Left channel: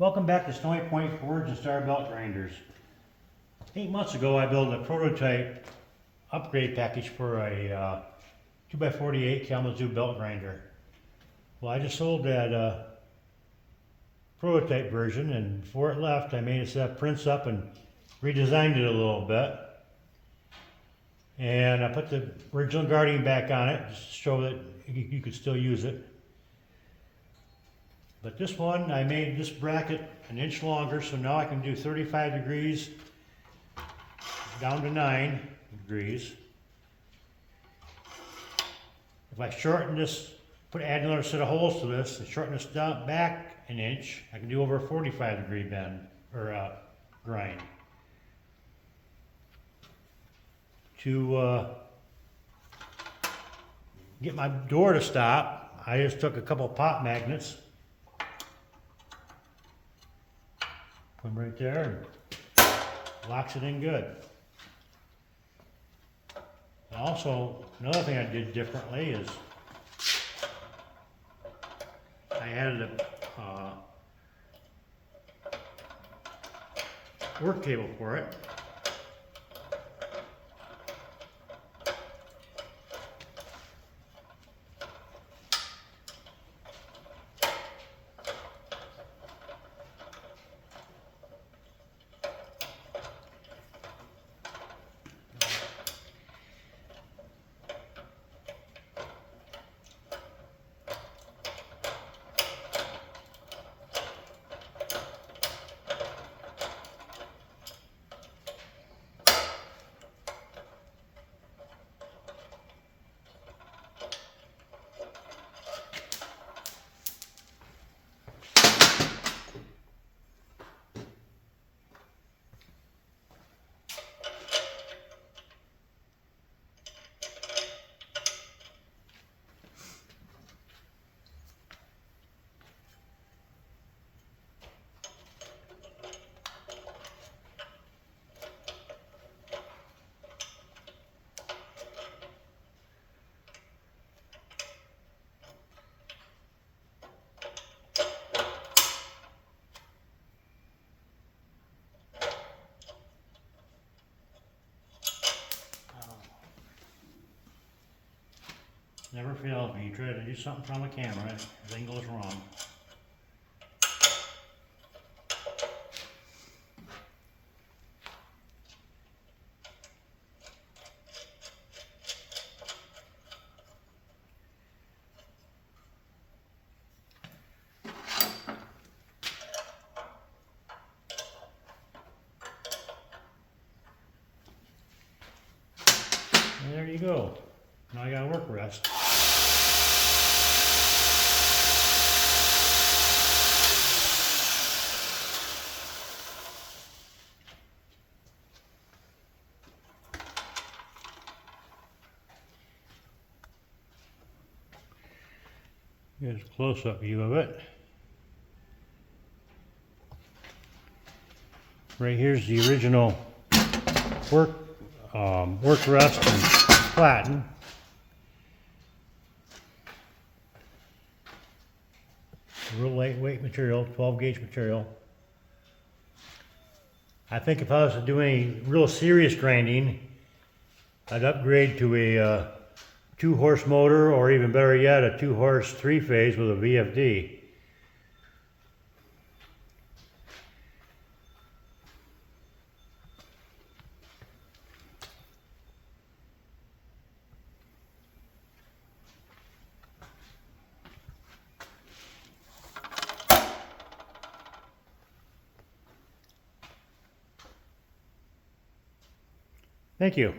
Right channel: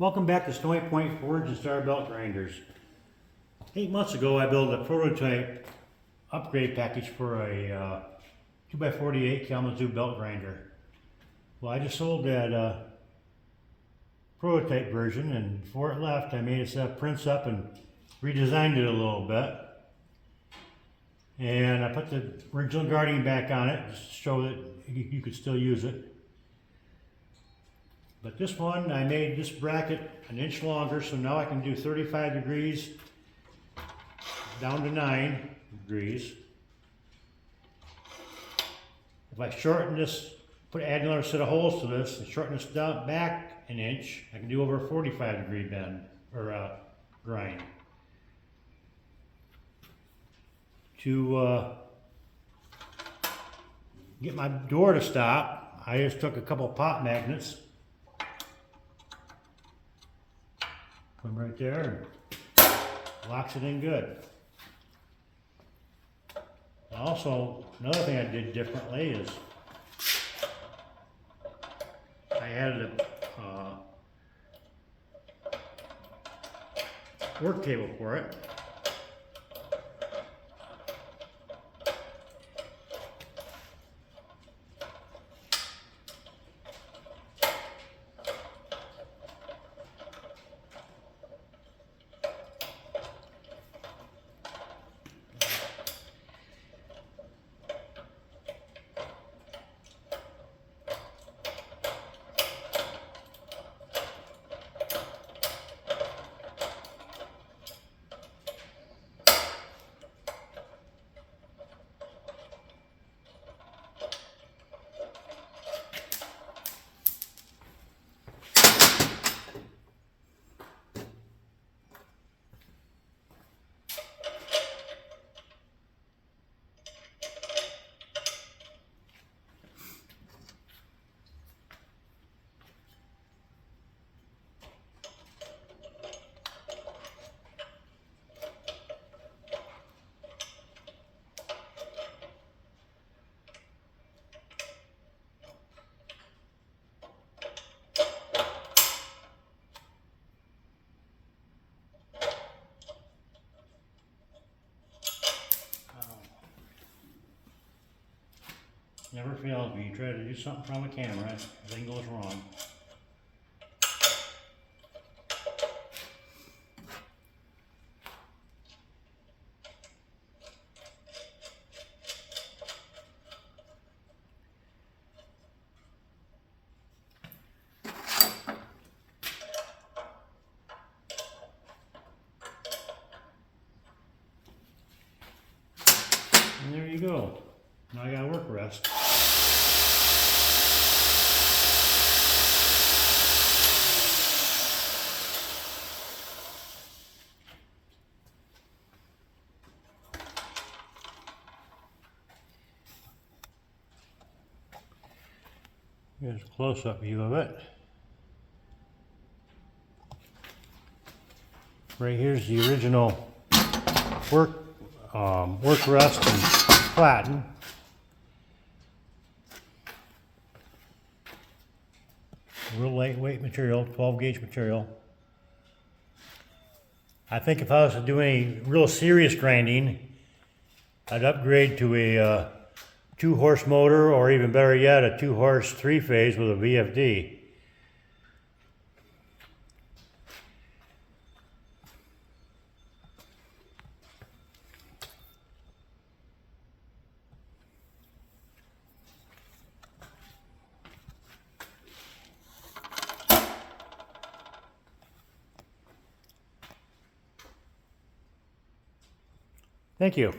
Welcome back to Snowy Point Forge and Star Belt Grinders. 8 months ago I built a prototype upgrade package for a 2x48 Kalamazoo belt grinder. Well, I just sold that prototype version, and before it left I made a set of prints up and redesigned it a little bit. And I put the original guarding back on it just to show that you could still use it. But this one, I made this bracket an inch longer, so now I can do 35 degrees down to 9 degrees. If I shorten this, add another set of holes to this, and shorten this down back an inch, I can do over a 45 degree bend, or grind. To get my door to stop, I just took a couple of pop magnets, put them right there, and locks it in good. Also, another thing I did differently is I added a work table for it. Never fails me. You try to do something from a camera, everything goes wrong. And there you go. Now I got a work rest. Here's a close-up view of it. Right here's the original work rest and platen. Real lightweight material, 12 gauge material. I think if I was to do any real serious grinding, I'd upgrade to a 2-horse motor, or even better yet, a 2-horse 3-phase with a VFD. Thank you.